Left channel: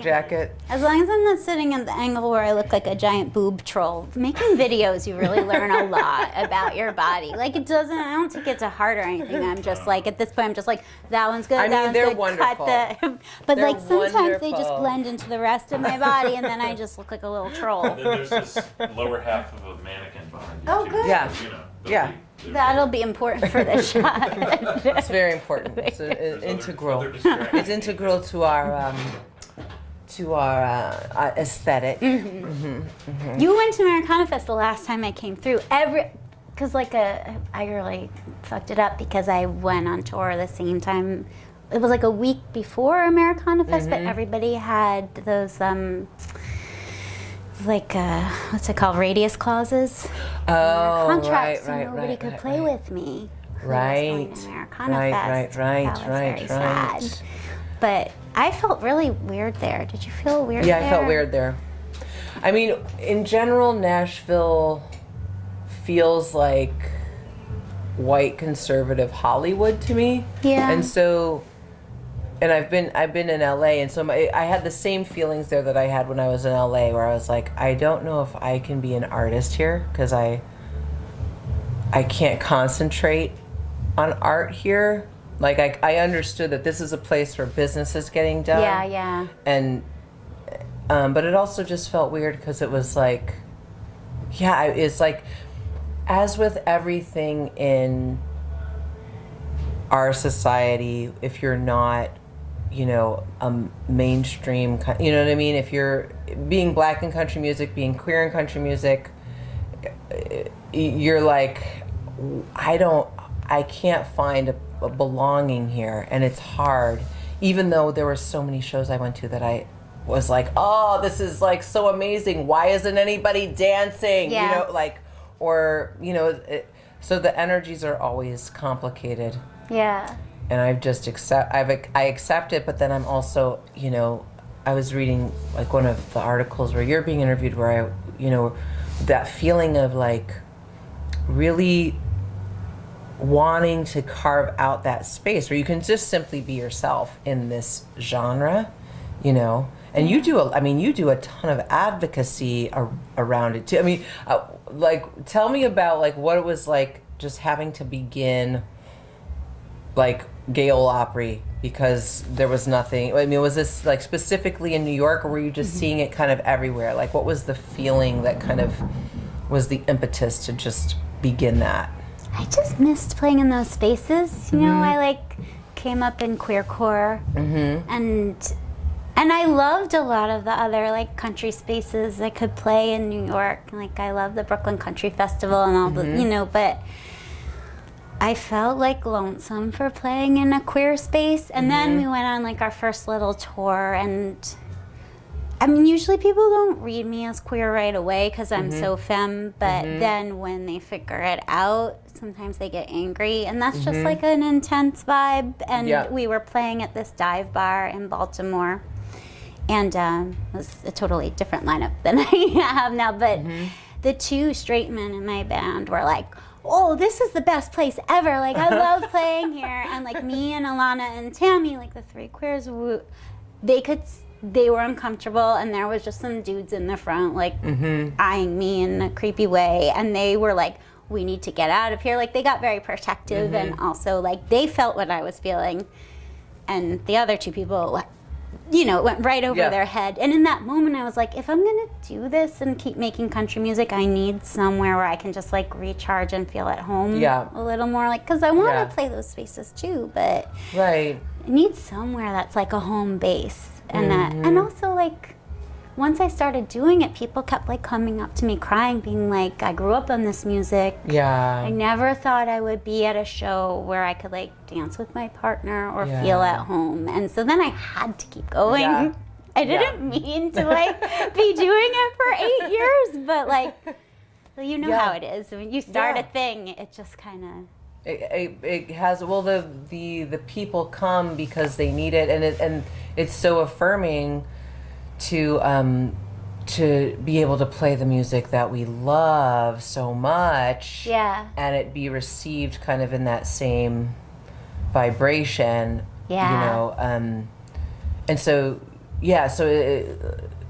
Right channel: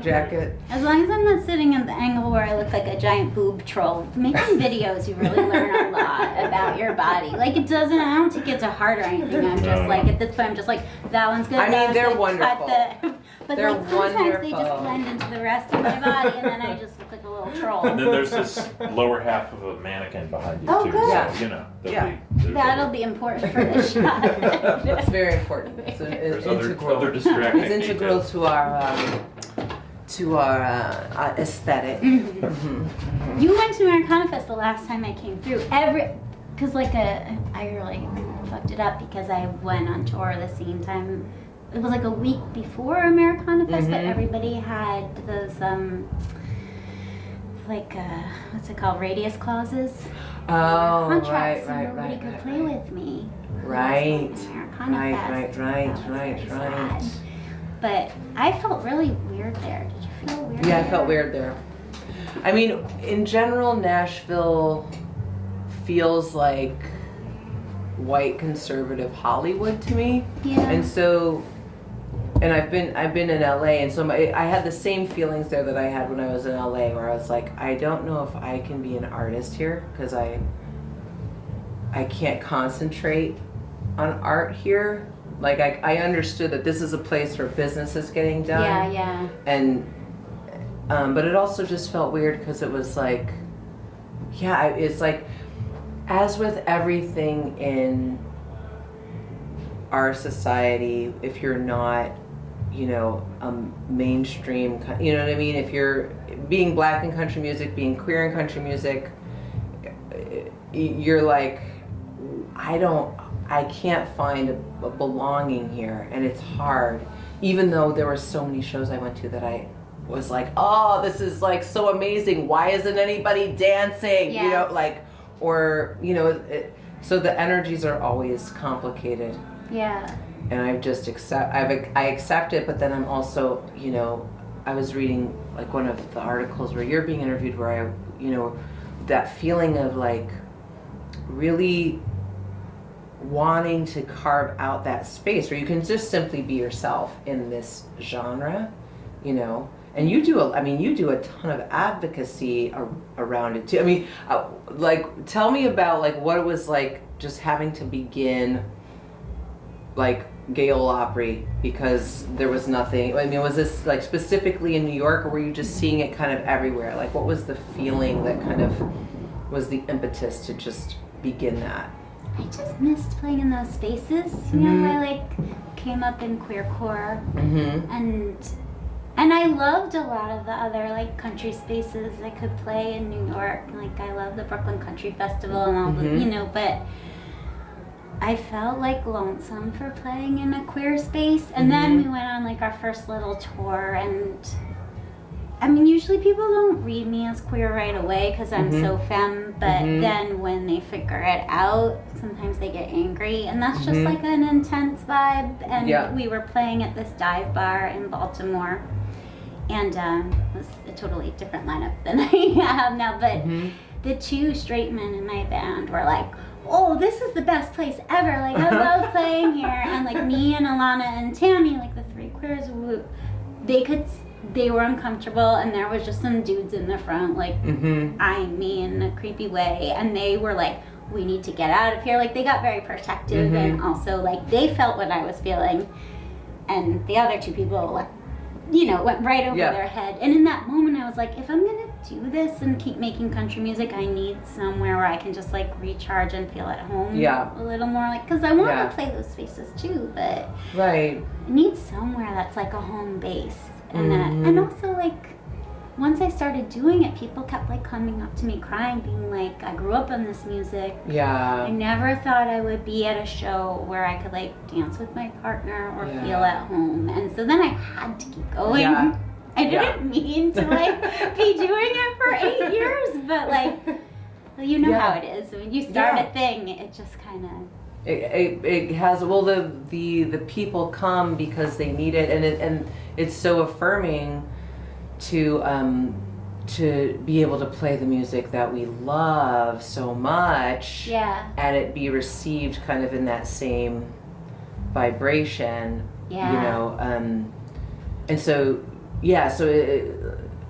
jacket. As long as I'm not sitting at the angle where I look like a giant boob troll. Making videos, you really learn a lot about your body. Like, it doesn't, I don't take it to heart or anything. I'm just like, at this point, I'm just like, that one's good, that one's they're good. wonderful. But They're like, sometimes they just wonderful. blend into the rest of my body, and then I just look like a little troll. And then there's this lower half of a mannequin behind you Oh, too. good. So, Yeah. you know, Yeah. That'll be important for this shot. It's very important. It's there's integral. other distracting It's integral details. to our aesthetic. You went to Americana Fest the last time I came through. Because I really fucked it up because I went on tour the same time. It was like a week before Americana Fest, but everybody had those what's it called, radius clauses. Oh, Contracts, right, so nobody could play with me. Right, Americana Fest. That was very sad. But I felt really weird there. Did you feel weird there? Yeah, I felt weird there. I mean, in general, Nashville feels like white conservative Hollywood to me. Yeah. And so, and I've been in LA, and so I had the same feelings there that I had when I was in LA, where I was like, I don't know if I can be an artist here because I can't concentrate on art here. Like, I understood that this is a place where business is getting done. Yeah. And, but it also just felt weird because it was like, yeah, it's like, as with everything in our society, if you're not, a mainstream, you know what I mean? If you're being black in country music, being queer in country music, you're like, I can't find a belonging here, and it's hard. Even though there were so many shows I went to that I was like, oh, this is like so amazing. Why isn't anybody dancing? Yeah. So the energies are always complicated. Yeah. And I accept it, but then I'm also, I was reading like one of the articles where you're being interviewed where that feeling of like really wanting to carve out that space where you can just simply be yourself in this genre, and you do a ton of advocacy around it too. I mean, tell me about like what it was like just having to begin like Gale Opry because there was nothing. I mean, was this like specifically in New York, or were you just seeing it kind of everywhere? Like, what was the feeling that kind of was the impetus to just begin that? I just missed playing in those spaces. I came up in queercore, and I loved a lot of the other country spaces I could play in New York. Like, I love the Brooklyn Country Festival and all the, but I felt lonesome for playing in a queer space. And then we went on our first little tour, and I mean, usually people don't read me as queer right away because I'm so femme, but then when they figure it out, sometimes they get angry, and that's just an intense vibe. And we were playing at this dive bar in Baltimore, and it was a totally different lineup than I have now, but the two straight men in my band were like, oh, this is the best place ever. I love playing here. And me and Alana and Tammy, the three queers, they were uncomfortable, and there was just some dudes in the front, eyeing me in a creepy way, and they were like, we need to get out of here. They got very protective, and also, they felt what I was feeling, and the other two people, went right over their head. And in that moment, I was like, if I'm gonna do this and keep making country music, I need somewhere where I can just, recharge and feel at home a little more, because I want to play those spaces, too, but I need somewhere that's, a home base. And and also, once I started doing it, people kept, coming up to me crying, being like, I grew up on this music. Yeah. I never thought I would be at a show where I could, dance with my partner or feel at home. And so then I had to keep going. Yeah. I didn't mean to, be doing it for 8 years, but, you know how it is. When you start a thing, it just kind of... It has, the people come because they need it, and it's so affirming to be able to play the music that we love so much, and it be received kind of in that same vibration, and so yeah, so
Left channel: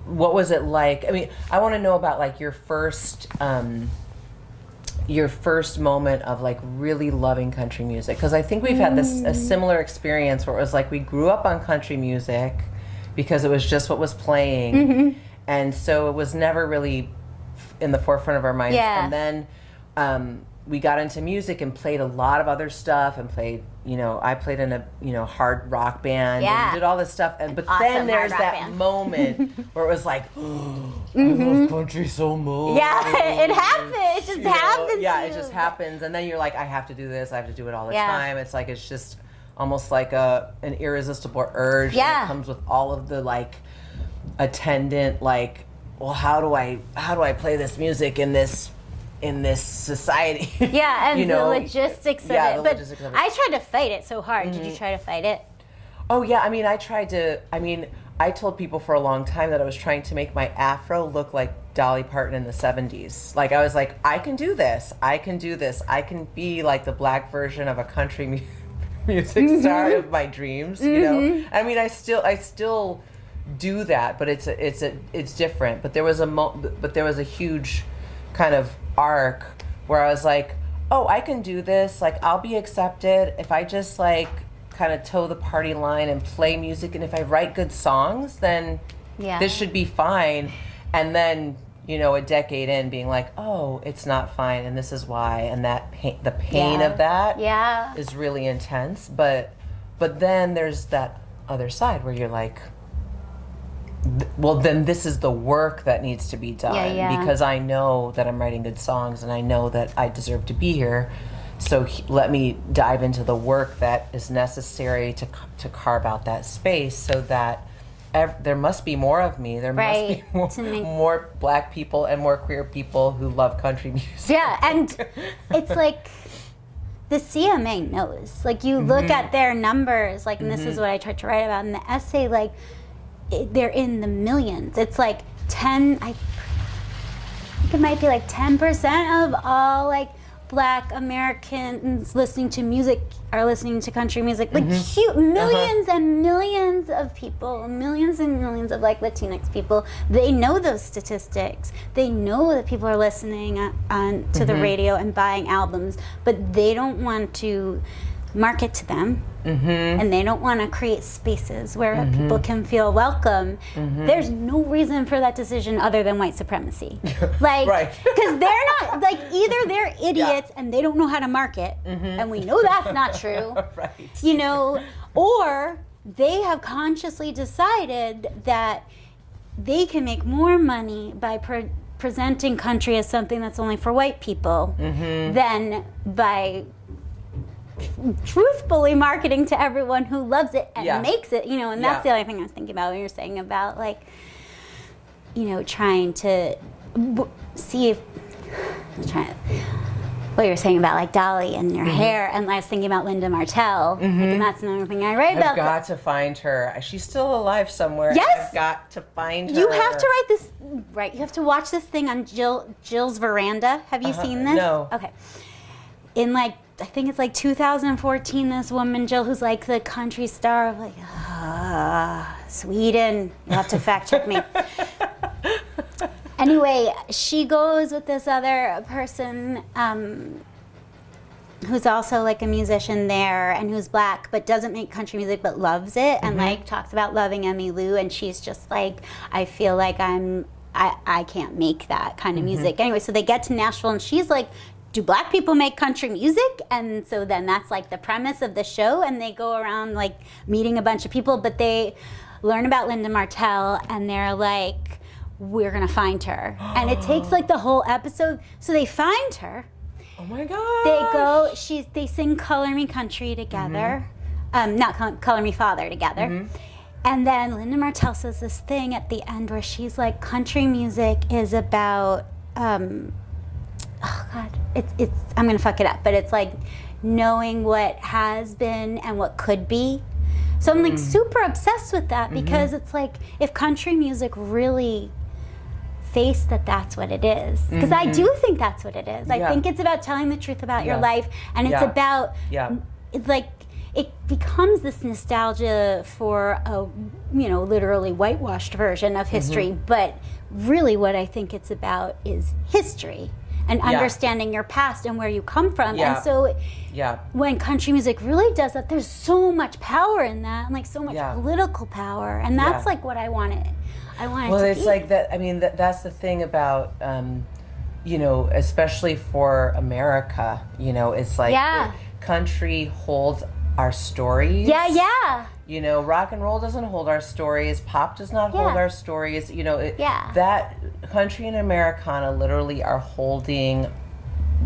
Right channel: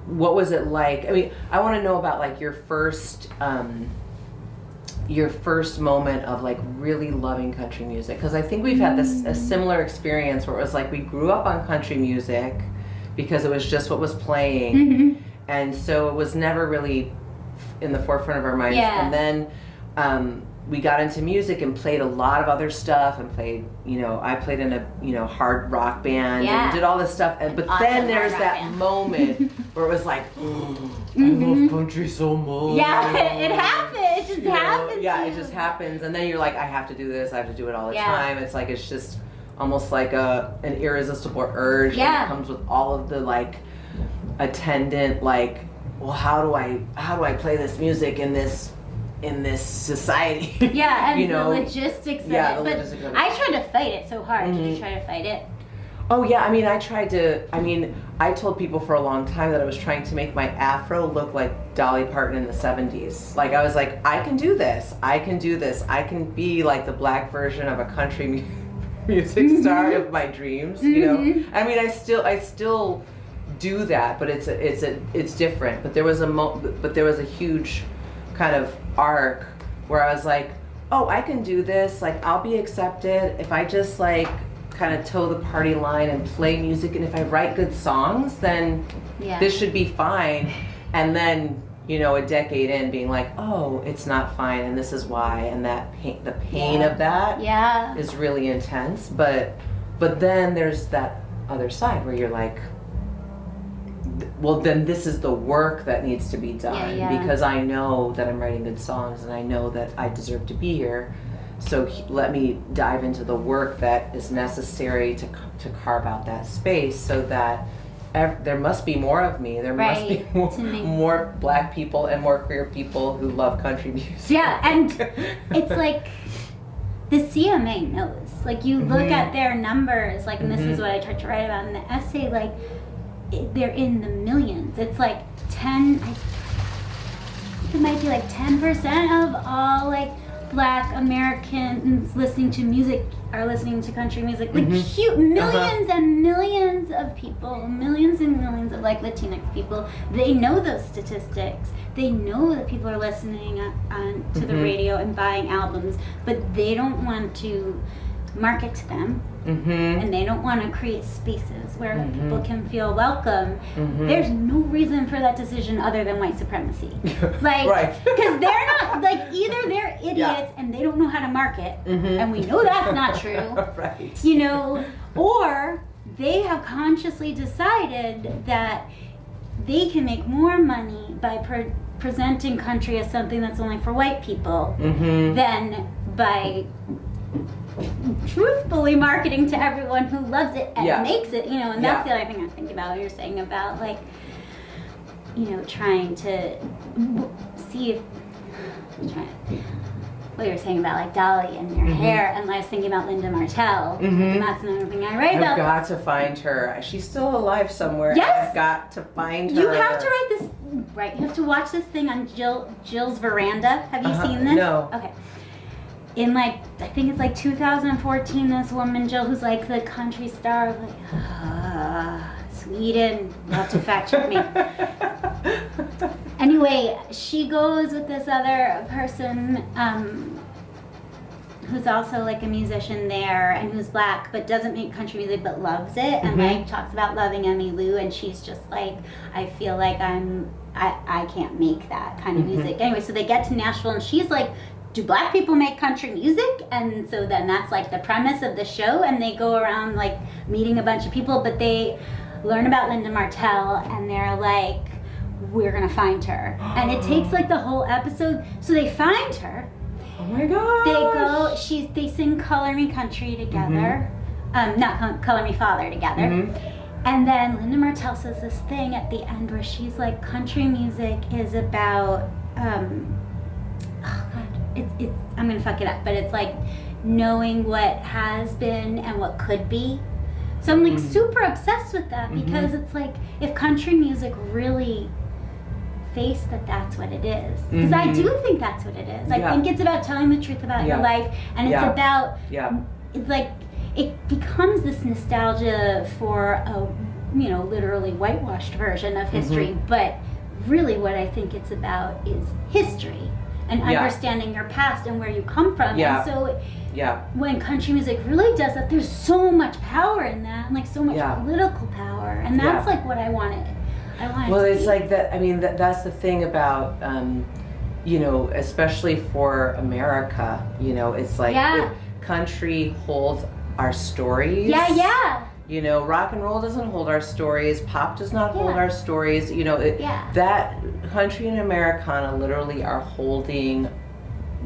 what was it like? I mean, I want to know about like your first moment of like really loving country music, because I think we've had a similar experience where it was like we grew up on country music because it was just what was playing, and so it was never really in the forefront of our minds. Yeah. And then we got into music and played a lot of other stuff, and played, I played in a hard rock band and did all this stuff, but Awesome then there's hard rock that band. moment where it was like, I love country so much. Yeah, it happens. It just happens. Yeah, it just happens, and then you're like, I have to do this. I have to do it all the Yeah. time. It's like it's just almost like an irresistible urge. Yeah. And it comes with all of the like attendant like, well, how do I play this music in this society? Yeah, and the logistics of it. But I tried to fight it so hard. Did you try to fight it? Oh yeah, I mean, I told people for a long time that I was trying to make my afro look like Dolly Parton in the 70s. Like I was like, I can do this. I can be like the black version of a country music star of my dreams, I mean, I still do that, but it's different. But there was a huge kind of arc where I was like, oh, I can do this. Like I'll be accepted if I just like kind of toe the party line and play music, and if I write good songs, then this should be fine. And then a decade in, being like, oh, it's not fine, and this is why, and that the pain of that is really intense. But then there's that other side where you're like, well, then this is the work that needs to be done, because I know that I'm writing good songs, and I know that I deserve to be here. So let me dive into the work that is necessary to carve out that space, so that there must be more of me. There must be more black people and more queer people who love country music. Yeah, and it's like the CMA knows. Like you look at their numbers, like, and this is what I tried to write about in the essay. Like they're in the millions. It's like I think it might be like 10% of all like Black Americans listening to music are listening to country music. Like millions and millions of people, millions and millions of like Latinx people, they know those statistics. They know that people are listening to the radio and buying albums, but they don't want to market to them. And they don't want to create spaces where people can feel welcome. There's no reason for that decision other than white supremacy. Like, because they're not, like, either they're idiots and they don't know how to market, and we know that's not true, or they have consciously decided that they can make more money by presenting country as something that's only for white people than by truthfully marketing to everyone who loves it and makes it, and that's the other thing I was thinking about when you're saying about like, trying to see if, what you were saying about like Dolly and your hair, and I was thinking about Linda Martell, like, and that's another thing I write about. I've got to find her. She's still alive somewhere. Yes! I've got to find her. You have to write this, right? You have to watch this thing on Jill's Veranda. Have you seen this? No. Okay. In like, I think it's like 2014, this woman, Jill, who's like the country star of like, Sweden. You have to fact check me. Anyway, she goes with this other person who's also like a musician there and who's black but doesn't make country music but loves it, and like talks about loving Emmylou, and she's just like, I feel like I can't make that kind of music. Anyway, so they get to Nashville and she's like, do black people make country music? And so then that's like the premise of the show, and they go around like meeting a bunch of people, but they learn about Linda Martell and they're like, we're gonna find her. And it takes like the whole episode. So they find her. Oh my god. They sing Color Me Country together. Not Color Me Father together. And then Linda Martell says this thing at the end where she's like, country music is about oh god, it's I'm gonna fuck it up, but it's like knowing what has been and what could be. So I'm like super obsessed with that, because it's like, if country music really faced that that's what it is, because I do think that's what it is. I think it's about telling the truth about your life, and it's about it's like, it becomes this nostalgia for literally whitewashed version of history, but really what I think it's about is history and understanding your past and where you come from. And so when country music really does that, there's so much power in that, and like so much political power, and that's like what I wanted. Well, it's like that. I mean, that's the thing about, especially for America. It's like country holds our stories. Rock and roll doesn't hold our stories. Pop does not hold our stories. That country and Americana literally are holding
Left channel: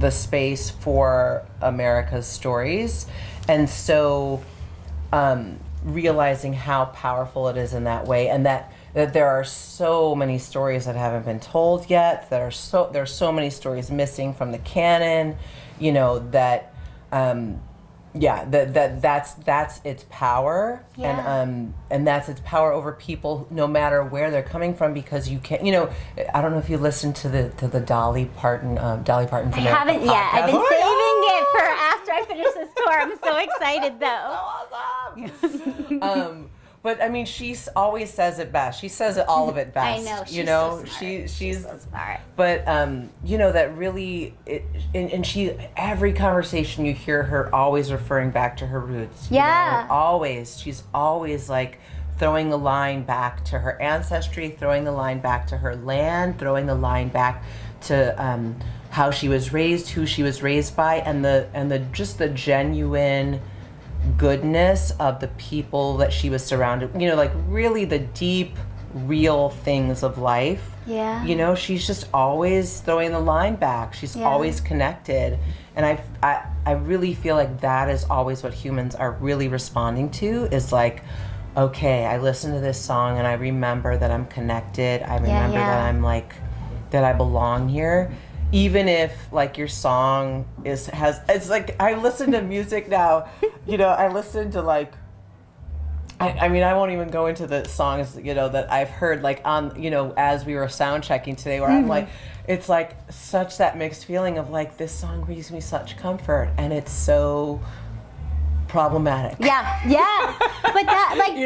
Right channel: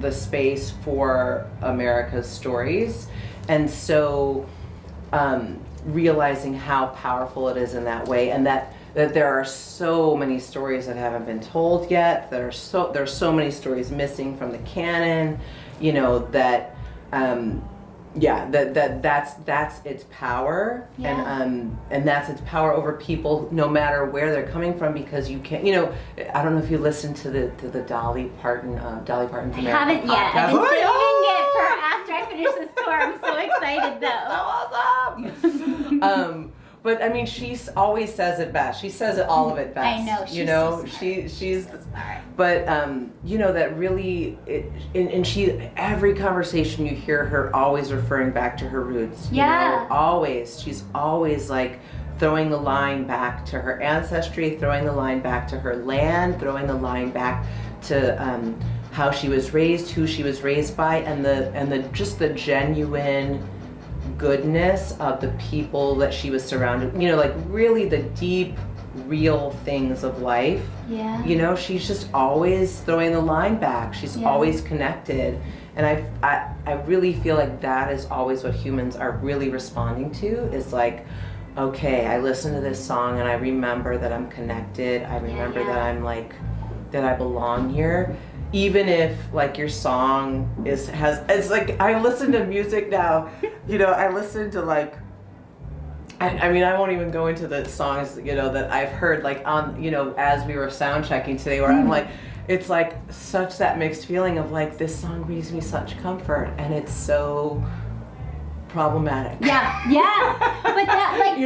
the space for America's stories, and so realizing how powerful it is in that way, and that there are so many stories that haven't been told yet. There's so many stories missing from the canon. That's its power, and that's its power over people, no matter where they're coming from, because you can't. I don't know if you listened to the Dolly Parton's America. I haven't yet. I've been saving it for after I finish this tour. I'm so excited though. So awesome. But I mean, she always says it best. She says all of it best. I know. She's so smart. But that really, and she, every conversation you hear her always referring back to her roots. She's always like throwing the line back to her ancestry, throwing the line back to her land, throwing the line back to how she was raised, who she was raised by, and the just the genuine goodness of the people that she was surrounded, like really the deep, real things of life. She's just always throwing the line back. She's always connected, and I really feel like that is always what humans are really responding to, is like, okay, I listen to this song and I remember that I'm connected. I remember that I'm like, that I belong here. Even if like your song it's like, I listen to music now, I listen to like, I mean, I won't even go into the songs, that I've heard like on, as we were sound checking today, where I'm like, it's like such that mixed feeling of like, this song brings me such comfort, and it's so problematic. But that like,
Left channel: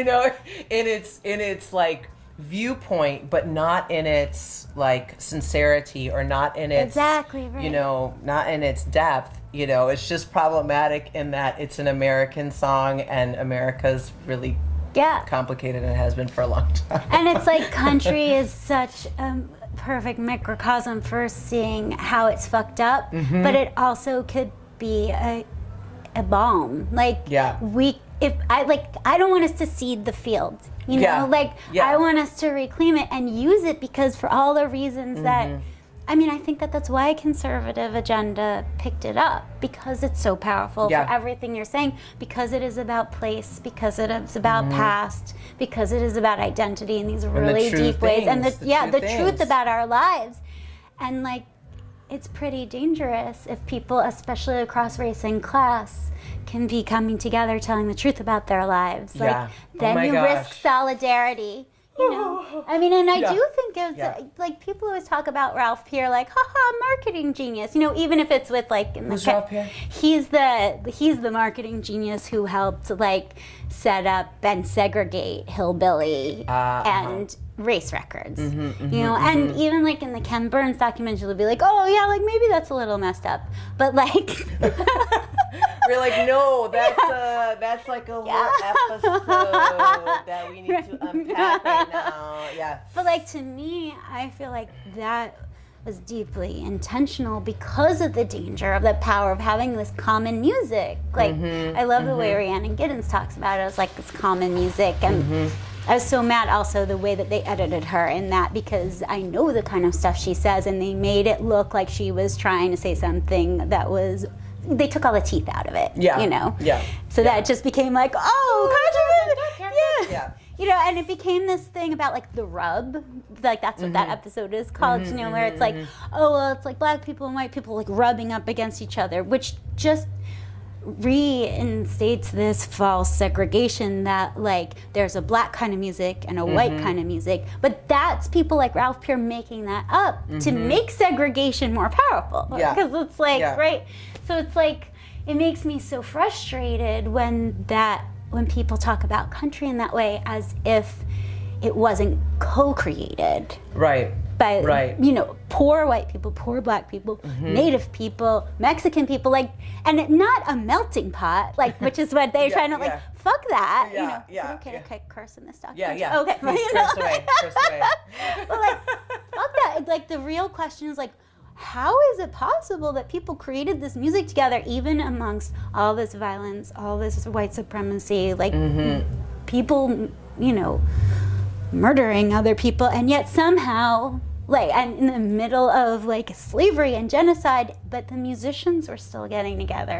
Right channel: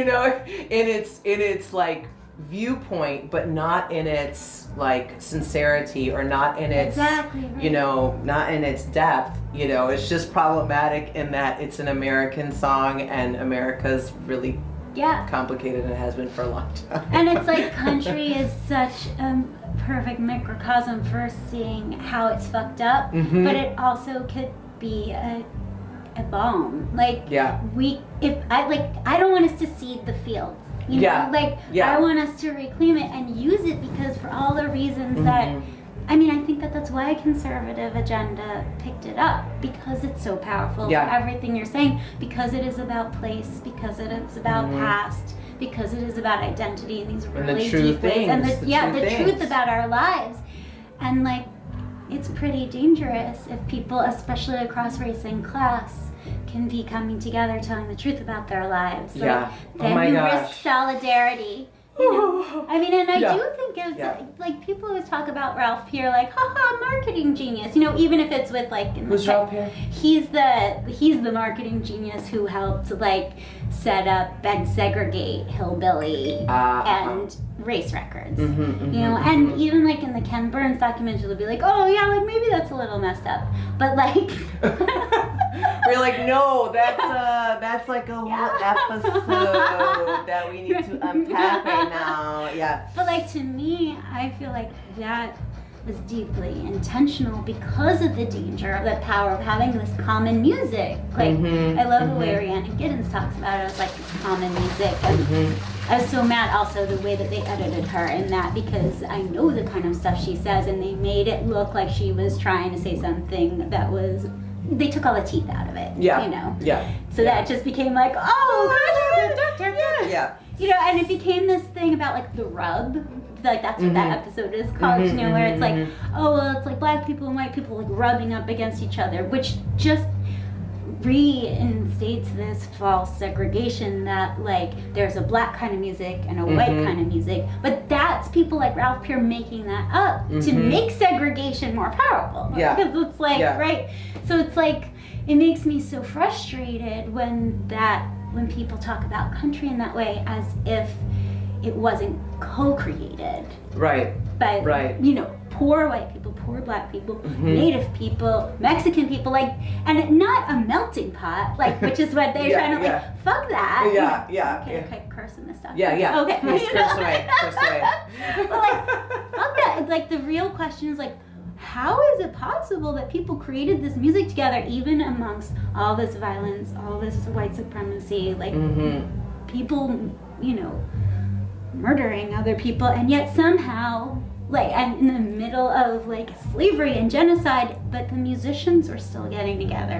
in its like viewpoint, but not in its like sincerity, or not in its not in its depth. It's just problematic in that it's an American song, and America's really complicated, and has been for a long time. And it's like country is such a perfect microcosm for seeing how it's fucked up, but it also could be a balm. Like I don't want us to seed the field. I want us to reclaim it and use it, because for all the reasons that, I mean, I think that's why a conservative agenda picked it up, because it's so powerful for everything you're saying, because it is about place, because it is about past, because it is about identity in these really deep ways, and the truth about our lives. And like, it's pretty dangerous if people, especially across race and class, can be coming together telling the truth about their lives. Then you risk solidarity. I mean, and I do think it's like, people always talk about Ralph Peer, like, haha, marketing genius. Even if it's with like, Ralph Peer? He's the marketing genius who helped like set up and segregate Hillbilly and race records. And even like in the Ken Burns documentary, they'll be like, oh yeah, like maybe that's a little messed up, but like. We're like, no, that's like a whole episode that we need to unpack right now. But like, to me, I feel like that was deeply intentional because of the danger of the power of having this common music. Like, I love the way Rhiannon Giddens talks about it as like this common music. And I was so mad also the way that they edited her in that, because I know the kind of stuff she says, and they made it look like she was trying to say something that was, they took all the teeth out of it, So that it just became like, and it became this thing about like the rub, like that's what that episode is called, where it's like, oh, well, it's like black people and white people like rubbing up against each other, which just reinstates this false segregation that like there's a black kind of music and a white kind of music, but that's people like Ralph Peer making that up to make segregation more powerful. Because it's like, right? So it's like, it makes me so frustrated when people talk about country in that way, as if it wasn't co-created. Right. By, Right. you know, poor white people, poor black people, Native people, Mexican people, like, and not a melting pot, like, which is what they're trying to, like, fuck that. Yeah. Okay, curse in this stuff. Yeah. Okay. Please curse away. But, like, fuck that. It's like, the real question is, like, how is it possible that people created this music together, even amongst all this violence, all this white supremacy, like, people, you know, murdering other people, and yet somehow, like, and in the middle of, like, slavery and genocide, but the musicians were still getting together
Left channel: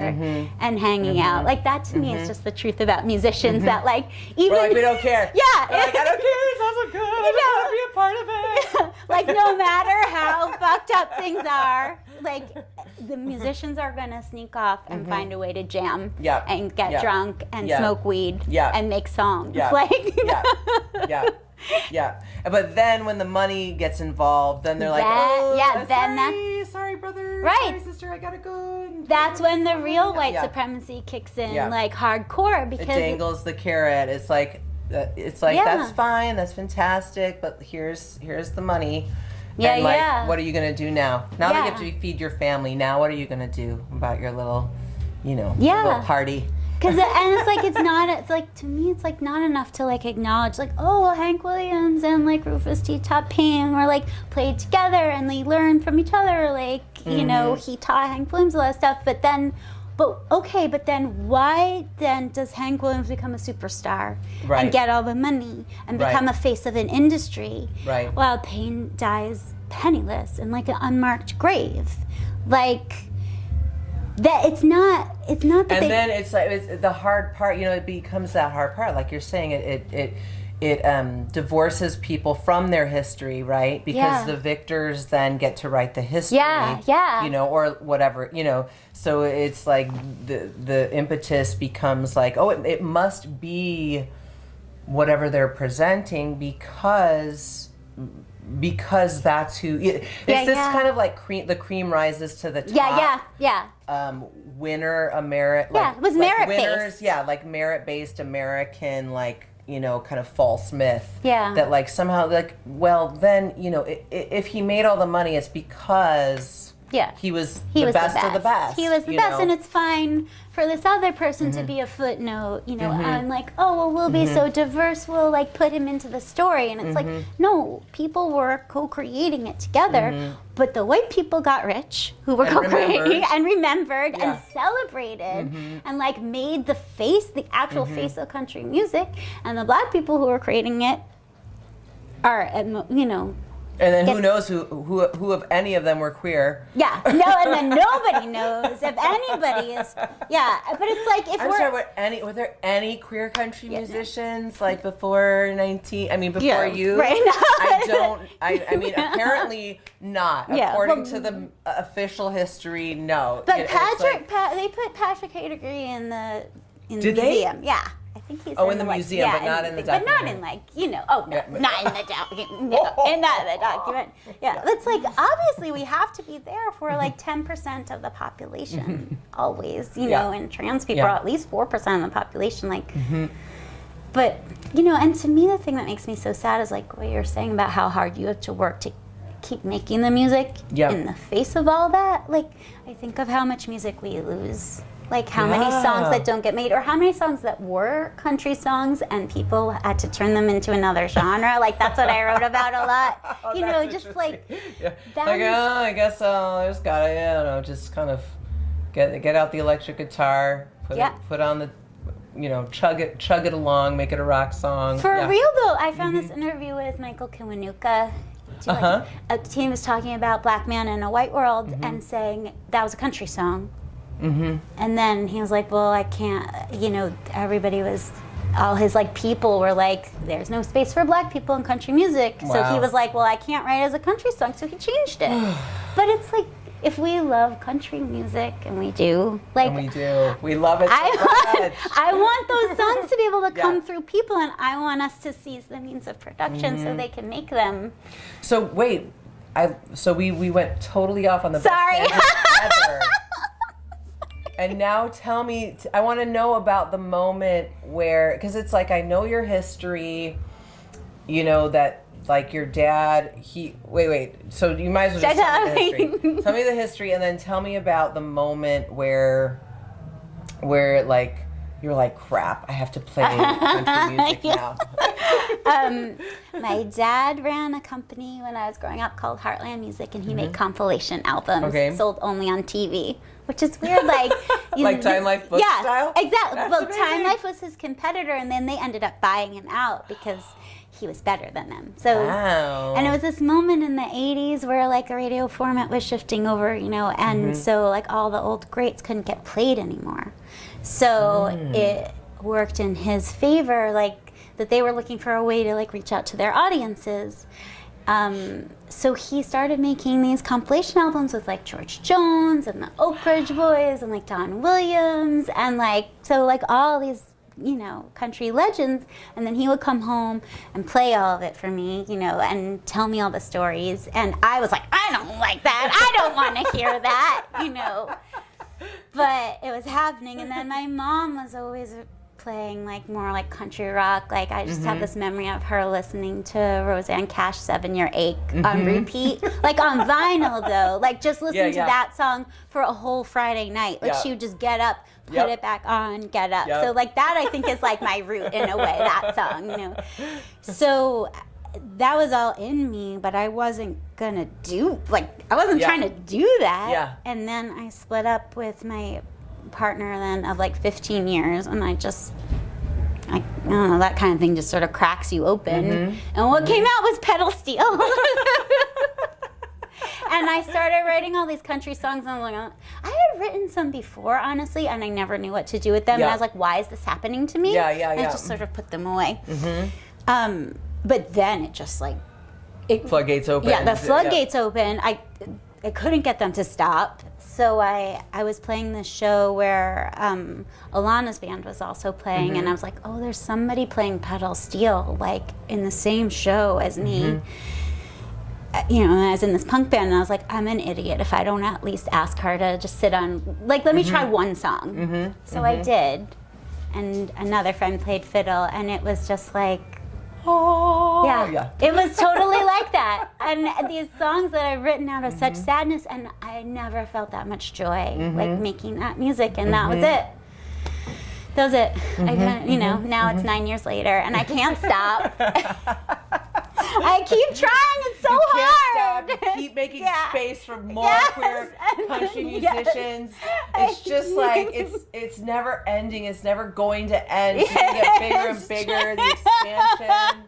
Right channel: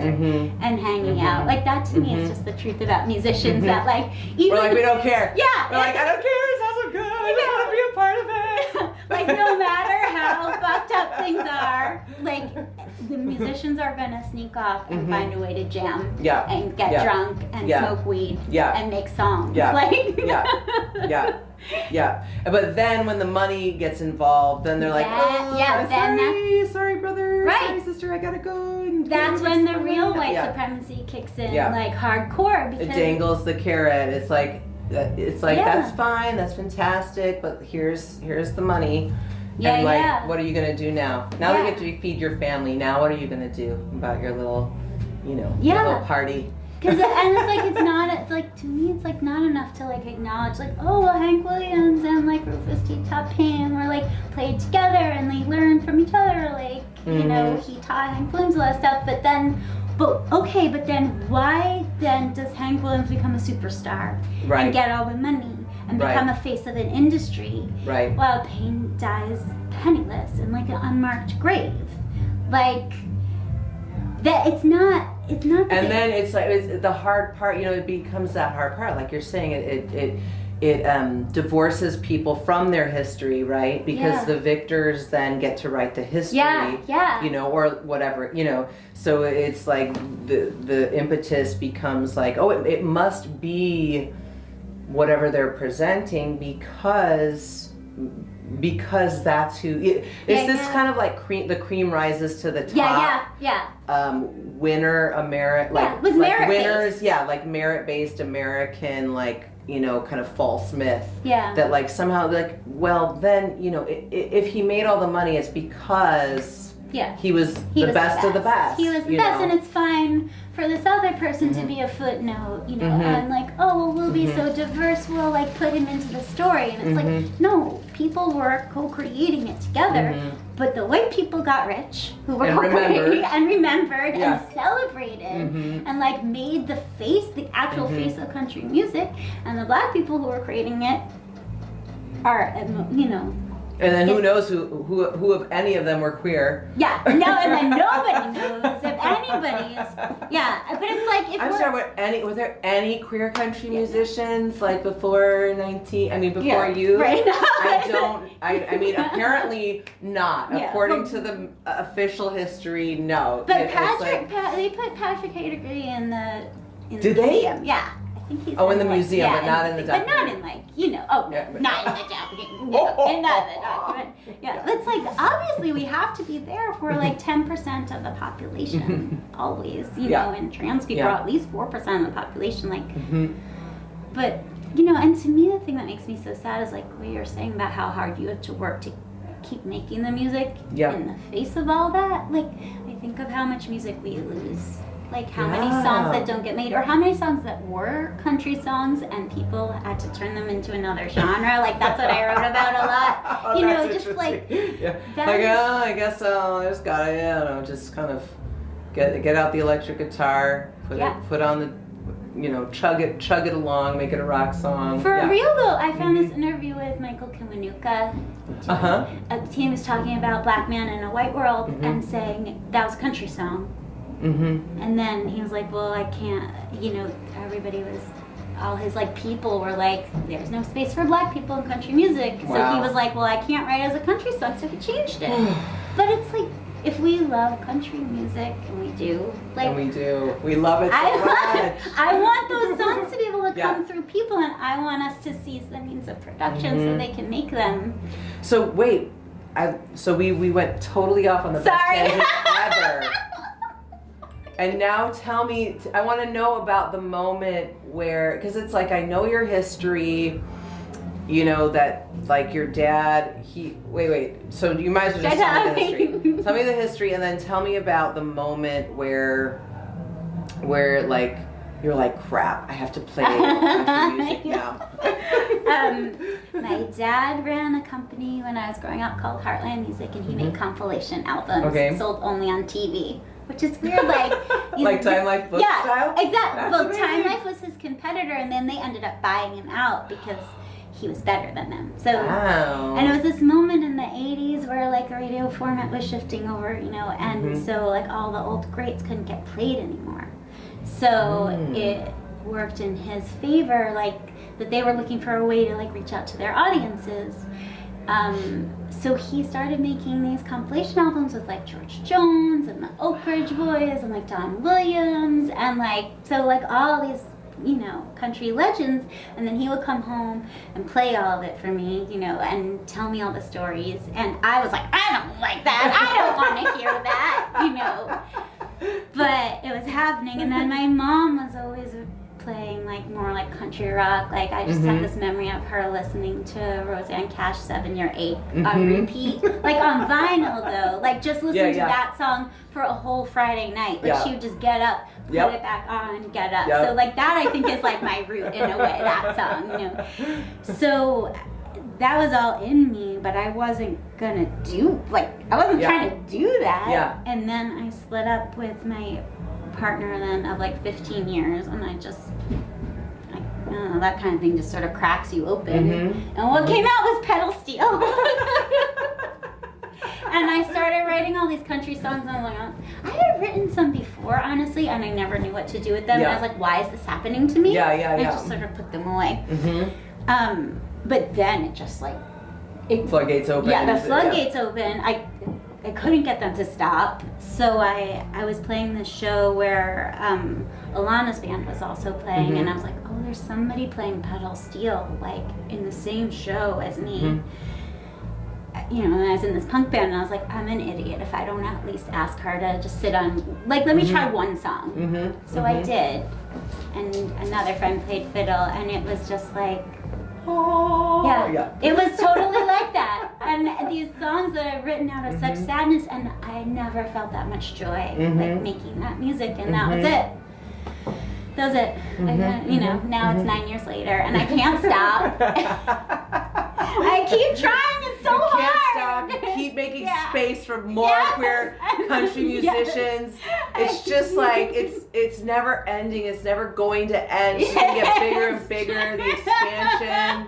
and hanging out. Like, that to me is just the truth about musicians, that, like, even... We're like, we don't care. Yeah. We're like, I don't care, it sounds good, I just want to be a part of it. Like, no matter how fucked up things are, like, the musicians are going to sneak off and find a way to jam and get drunk and smoke weed and make songs. Like, But then when the money gets involved, then they're like, sorry brother, sorry sister, I gotta go. That's when the real white supremacy kicks in, like, hardcore, because it dangles the carrot. It's like that's fine, that's fantastic, but here's the money. And like, what are you gonna do now? Now that you have to feed your family, now what are you gonna do about your little, your little party? And it's like, to me, it's like not enough to, like, acknowledge, like, oh, well, Hank Williams and, like, Rufus T. taught Pam, or, like, played together and they learned from each other, like, you know, he taught Hank Williams a lot of stuff, but then why then does Hank Williams become a superstar and get all the money and become a face of an industry while Payne dies penniless in, like, an unmarked grave? Like, that it's not that. And then it's like, it's the hard part. It becomes that hard part. Like you're saying, it divorces people from their history, right? Because the victors then get to write the history. Or whatever. So it's like the impetus becomes like, oh, it must be whatever they're presenting because that's who it's this kind of like the cream rises to the top. Winner American, was merit winners, based. Like merit-based American, like, kind of false myth. Yeah. That, like, somehow, like, well, then, if he made all the money, it's because he was the best of the best. He was the best, and it's fine for this other person to be a footnote, and like, oh, well, we'll be so diverse, we'll, like, put him into the story. And it's like, no, people were co-creating it together, but the white people got rich, who were co-creating and remembered and celebrated and, like, made the actual face of country music, and the black people who were creating it are, and then who knows who of any of them were queer? Yeah, no, and then nobody knows if anybody is. Yeah, but it's like were there any queer country musicians like before before you? Right. I mean, apparently not. According to the official history, no. But they put Patrick Hagerty in the Did museum. They? Yeah. I think he's in the museum, but not in the documentary. But not in, like, not in the documentary. Not in the document. Yeah, it's like, obviously we have to be there for, like, 10% of the population, always, and trans people are at least 4% of the population, like, but, and to me the thing that makes me so sad is, like, what you're saying about how hard you have to work to keep making the music in the face of all that. Like, I think of how much music we lose. Like, how many songs that don't get made, or how many songs that were country songs and people had to turn them into another genre. Like, that's what I wrote about a lot. Just like, I guess I just gotta, just kind of get out the electric guitar, put on the, chug it along, make it a rock song. For real though, I found this interview with Michael Kiwanuka. He was talking about Black Man in a White World and saying that was a country song. And then he was like, well, I can't, all his, like, people were like, there's no space for black people in country music. Wow. So he was like, well, I can't write as a country song, so he changed it. But it's like, if we love country music, and we do, like... And we do. We love it so much. I want those songs to be able to come through people, and I want us to seize the means of production so they can make them. So, wait. We went totally off on the best tangent ever. And now tell me, I want to know about the moment where, because it's like, I know your history, you know, that like your dad, wait, so you might as well just tell me the history. Tell me the history, and then tell me about the moment where like you're like, crap, I have to play country music now. My dad ran a company when I was growing up called Heartland Music, and he made compilation albums sold only on TV, which is weird, like like Time Life book style? Yeah, exactly. That's well, amazing. Time Life was his competitor, and then they ended up buying him out because he was better than them. So, wow. And it was this moment in the 80s where like the radio format was shifting over, you know, and so like all the old greats couldn't get played anymore. So it worked in his favor, like that they were looking for a way to like reach out to their audiences. So he started making these compilation albums with like George Jones and the Oak Ridge Boys and like Don Williams and like, so like all these, you know, country legends, and then he would come home and play all of it for me, you know, and tell me all the stories, and I was like, I don't like that, I don't want to hear that, you know, but it was happening. And then my mom was always playing like more like country rock. Like I just have this memory of her listening to Roseanne Cash 7 Year Ache on repeat, like on vinyl though, like just listening to that song for a whole Friday night. Like she would just get up, put it back on, get up. So like that I think is like my root in a way, that song, you know. So that was all in me, but I wasn't gonna do, like I wasn't trying to do that. Yeah. And then I split up with my partner then of like 15 years, and I don't know, that kind of thing just sort of cracks you open. And what came out was pedal steel. And I started writing all these country songs, and I was like, I had written some before, honestly, and I never knew what to do with them. And I was like, why is this happening to me? And I just sort of put them away. But then it just like... floodgates open. Yeah, the floodgates open. I couldn't get them to stop. So I was playing this show where Alana's band was also playing, and I was like, oh, there's somebody playing pedal steel, like in the same show as me. You know, and I was in this punk band, and I was like, I'm an idiot if I don't at least ask her to just sit on, like, let me try one song. So I did, and another friend played fiddle, and it was just like, it was totally like that. And these songs that I've written out of such sadness, and I never felt that much joy, like making that music, and that was it. That was it. I couldn't, you know, now it's 9 years later, and I can't stop. I keep trying, it's so hard. Stop. Keep making space for more queer country musicians. It's just like, it's never ending, it's never going to end. It's going to get bigger and bigger, the expansion.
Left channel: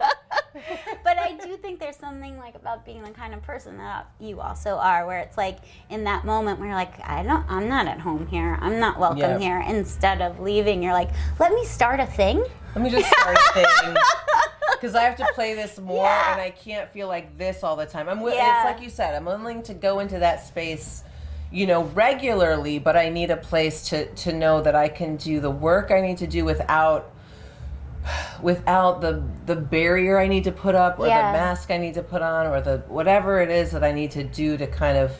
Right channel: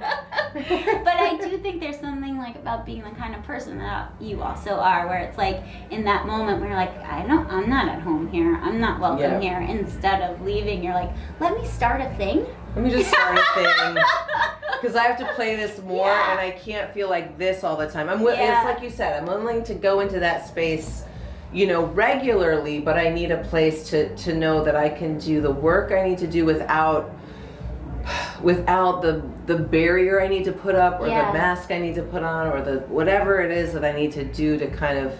But I do think there's something like about being the kind of person that you also are, where it's like in that moment where you're like, I'm not at home here, I'm not welcome here. Instead of leaving, you're like, let me start a thing. Let me just start a thing. Because I have to play this more, and I can't feel like this all the time. It's like you said, I'm willing to go into that space, you know, regularly, but I need a place to know that I can do the work I need to do without the barrier I need to put up, or the mask I need to put on, or the whatever it is that I need to do to kind of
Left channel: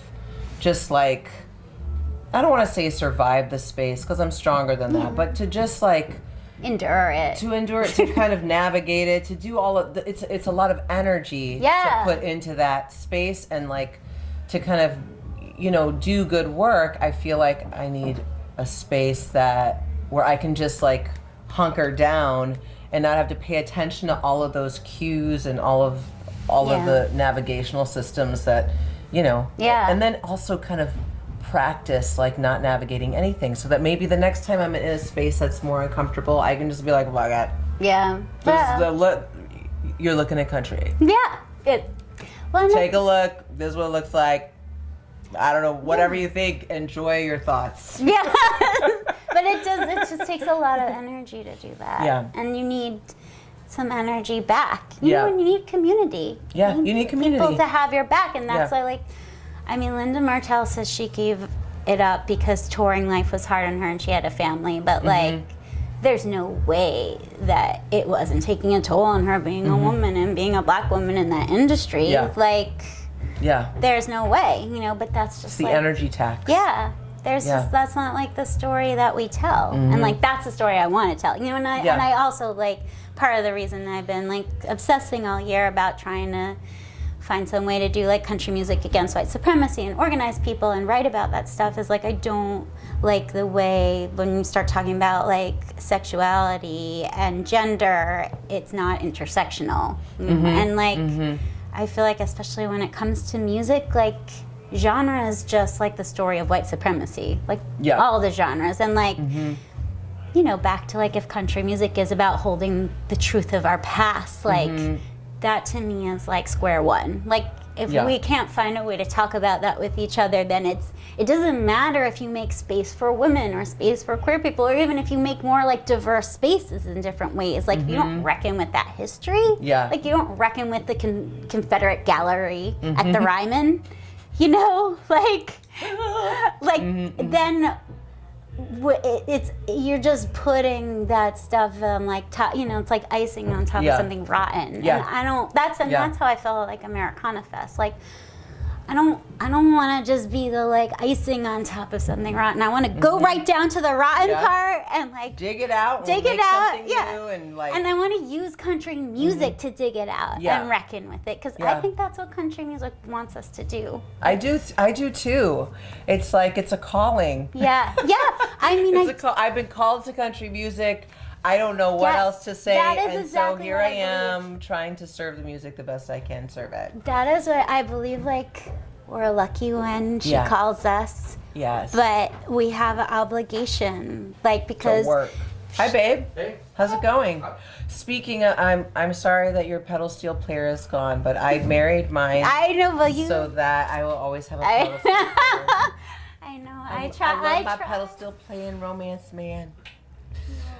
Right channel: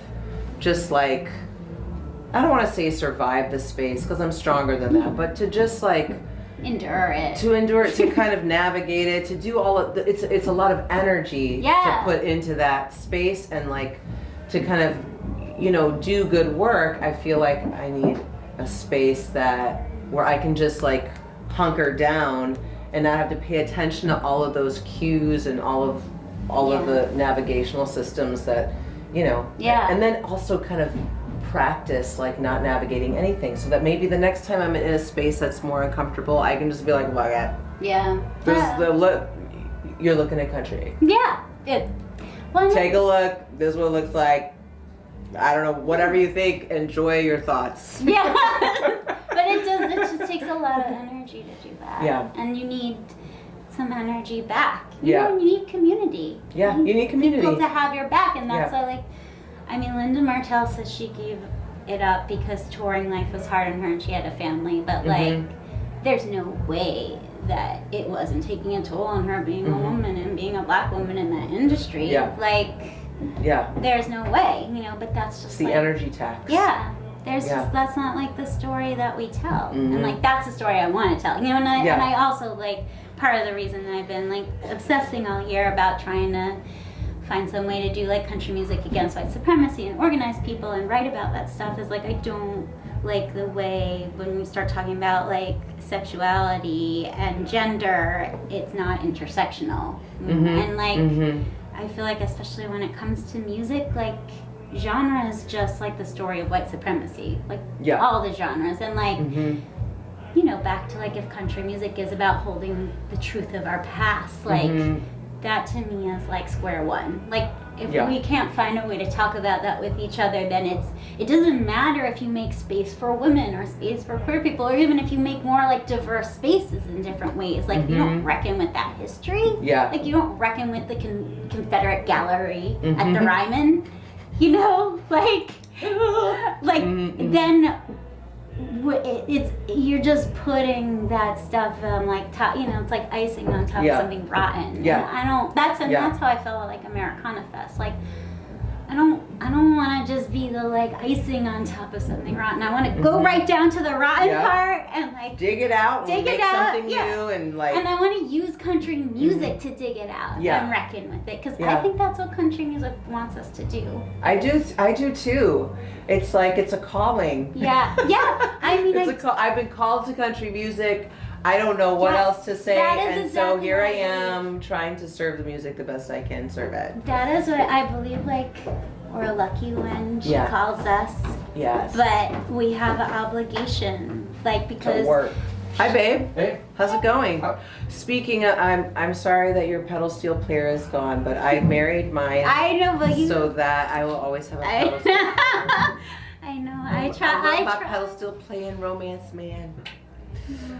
just like, I don't want to say survive the space, because I'm stronger than that, but to just like endure it, to kind of navigate it, to do all of it's a lot of energy to put into that space, and like to kind of, you know, do good work. I feel like I need a space where I can just like hunker down and not have to pay attention to all of those cues and all of the navigational systems that, you know, and then also kind of practice like not navigating anything, so that maybe the next time I'm in a space that's more uncomfortable, I can just be like, well, you're looking at country. Good. Well, take a look, this is what it looks like. I don't know, whatever you think, enjoy your thoughts. But it just takes a lot of energy to do that. And you need some energy back. You need community. You need community. People to have your back, and that's like, I mean, Linda Martell says she gave it up because touring life was hard on her and she had a family, but like, there's no way that it wasn't taking a toll on her being a woman and being a black woman in that industry. Like, there's no way, you know, but that's just the energy tax. There's just, that's not like the story that we tell. And like, that's the story I want to tell, you know, and I also like part of the reason I've been like obsessing all year about trying to find some way to do like country music against white supremacy and organize people and write about that stuff is like I don't like the way when you start talking about like sexuality and gender, it's not intersectional. And like I feel like especially when it comes to music, like genre is just like the story of white supremacy, like all the genres. And like you know, back to like if country music is about holding the truth of our past, like that to me is like square one. Like if we can't find a way to talk about that with each other, then it doesn't matter if you make space for women or space for queer people, or even if you make more like diverse spaces in different ways. Like if you don't reckon with that history, like you don't reckon with the Confederate gallery at the Ryman, you know, like then it's you're just putting that stuff on like top, you know, it's like icing on top of something rotten. And I don't. That's how I felt like Americana Fest. Like I don't want to just be the like icing on top of something rotten. I want to go right down to the rotten part and like dig it out, dig it out, new and like. And I want to use country music to dig it out and reckon with it, because I think that's what country music wants us to do. I do too. It's like it's a calling. Yeah. I mean, I've been called to country music. I don't know what else to say, and exactly so here I am trying to serve the music the best I can serve it. That is what I believe, like, we're lucky when she calls us. Yes. But we have an obligation, like, because... To work. Hi, babe. Hey. How's it going? Speaking of, I'm sorry that your pedal steel player is gone, but I married mine. I know, but you... So that I will always have a pedal steel player. I know. I try. My pedal steel playing romance man.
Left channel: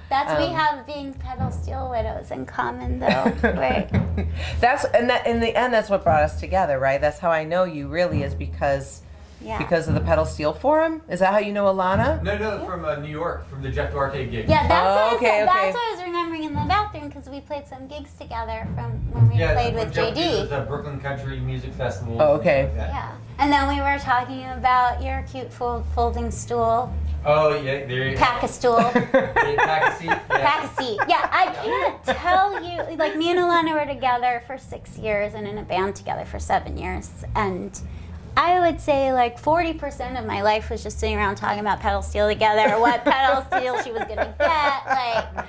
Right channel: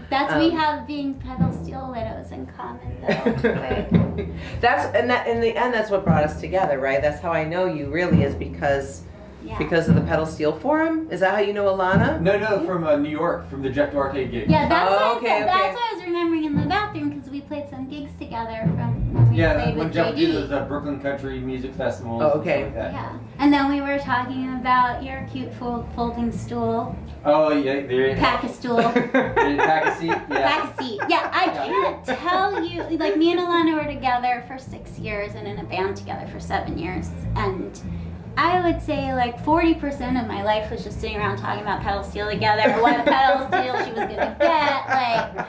That's we have being pedal steel widows in common, though. Right. In the end, that's what brought us together, right? That's how I know you really is because of the pedal steel forum. Is that how you know Alana? No, from New York, from the Jeff Duarte gig. Yeah, that's what I was remembering in the bathroom, because we played some gigs together from when we played with JD. It was a Brooklyn Country Music Festival. Oh, okay. Yeah, and then we were talking about your cute folding stool. Oh yeah, there. Pack a stool. Pack a seat. Yeah. Pack a seat. Yeah, I can't tell you. Like me and Alana were together for 6 years and in a band together for 7 years, and I would say like 40% of my life was just sitting around talking about pedal steel together. What pedal steel she was gonna get, like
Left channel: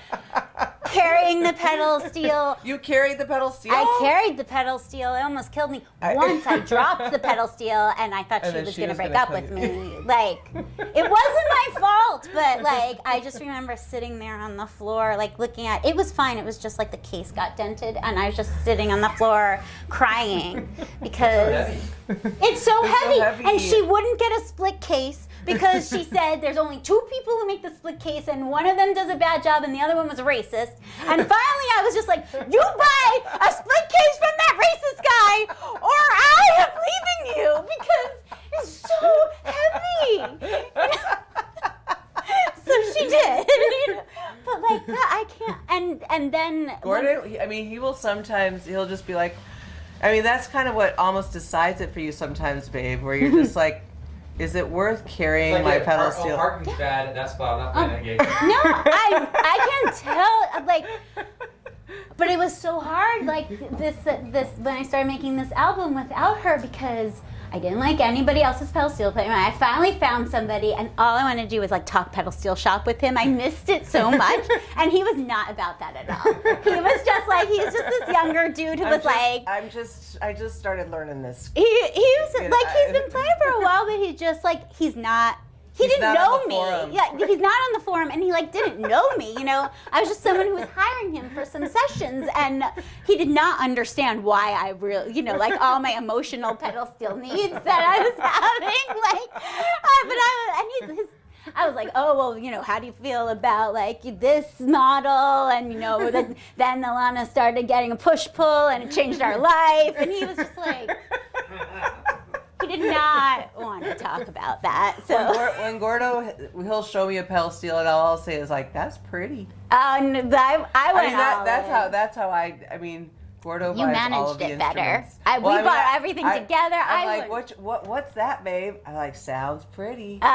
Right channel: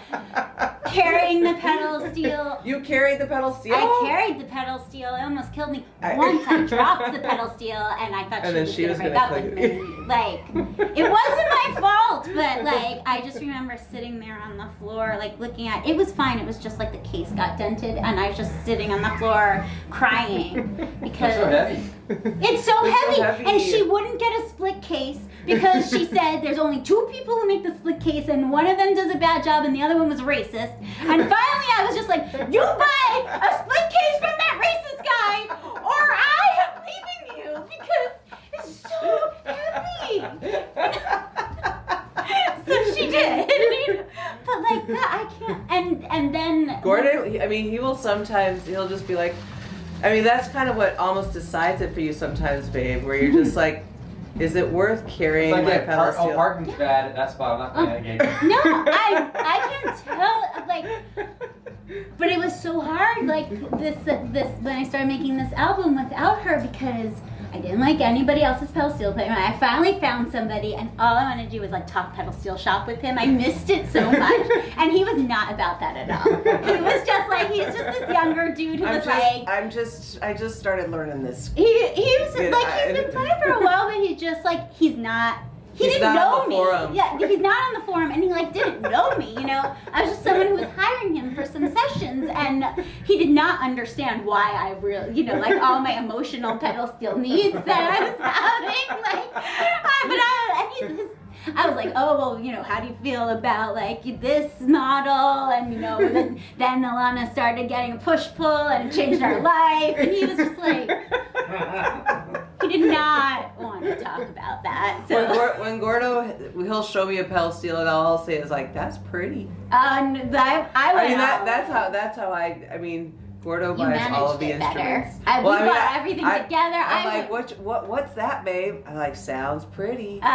carrying the pedal steel. You carried the pedal steel? I carried the pedal steel. It almost killed me. Once I dropped the pedal steel and I thought she was gonna break up with me. Like, it wasn't my fault, but like I just remember sitting there on the floor, like looking at it. Was fine. It was just like the case got dented and I was just sitting on the floor crying because it's so heavy. And she wouldn't get a split case because she said there's only 2 people who make the split case and one of them does a bad job and the other one was a racist. And finally I was just like, you buy a split case from that racist guy or I am leaving you because it's so heavy. So she did. But like that, I can't. And then Gordon, I mean, he'll just be like, I mean, that's kind of what almost decides it for you sometimes, babe, where you're just like, is it worth carrying my pedal steel? Parking's bad at that spot. I'm not playing that gig. No, I can't tell. Like, but it was so hard. Like this when I started making this album without her, because I didn't like anybody else's pedal steel player. I finally found somebody, and all I wanted to do was like talk pedal steel shop with him. I missed it so much, and he was not about that at all. He was just like, he's just this younger dude who was like. I just started learning this. He was like, he's been playing for a while, but he just like, he didn't know me. Forum. Yeah, he's not on the forum, and he like didn't know me. You know, I was just someone who was hiring him for some sessions, and he did not understand why I really, you know, like all my emotional pedal steel needs that I was having. Like, I was like, oh well, you know, how do you feel about like this model? And you know, then Alana started getting a push pull, and it changed our life. And he was just like. He did not want to talk about that. So when Gordo, he'll show me a pedal steel, and all I'll say is like, "That's pretty." That's how I mean, Gordo buys all of the instruments. We bought everything together. I'm like, what's that, babe? I'm like, sounds pretty. Oh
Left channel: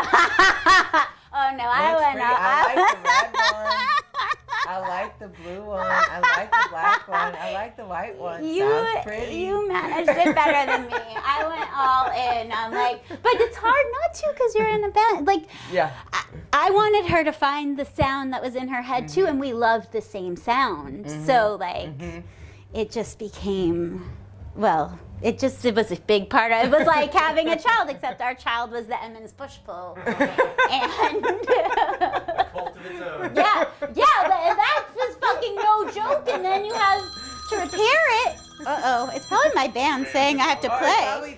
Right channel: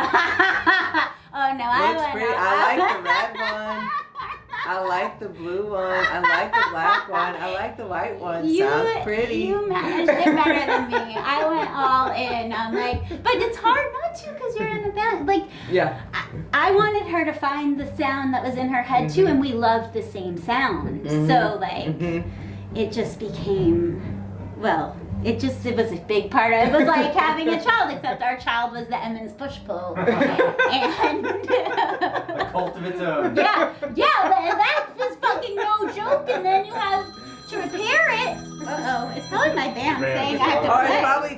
no, I like the red one. I like the blue one. I like the black one. I like the white one. Sounds pretty. You managed it better than me. I went all in. I'm like, but it's hard not to because you're in a band. Like, Yeah. I wanted her to find the sound that was in her head too, and we loved the same sound. So like, it just became, well, it was a big part of it. It was like having a child, except our child was the Emmons push-pull. And A cult of its own. yeah, but that was fucking no joke, and then you have to repair it. Uh-oh, it's probably my band saying I have to Or play. probably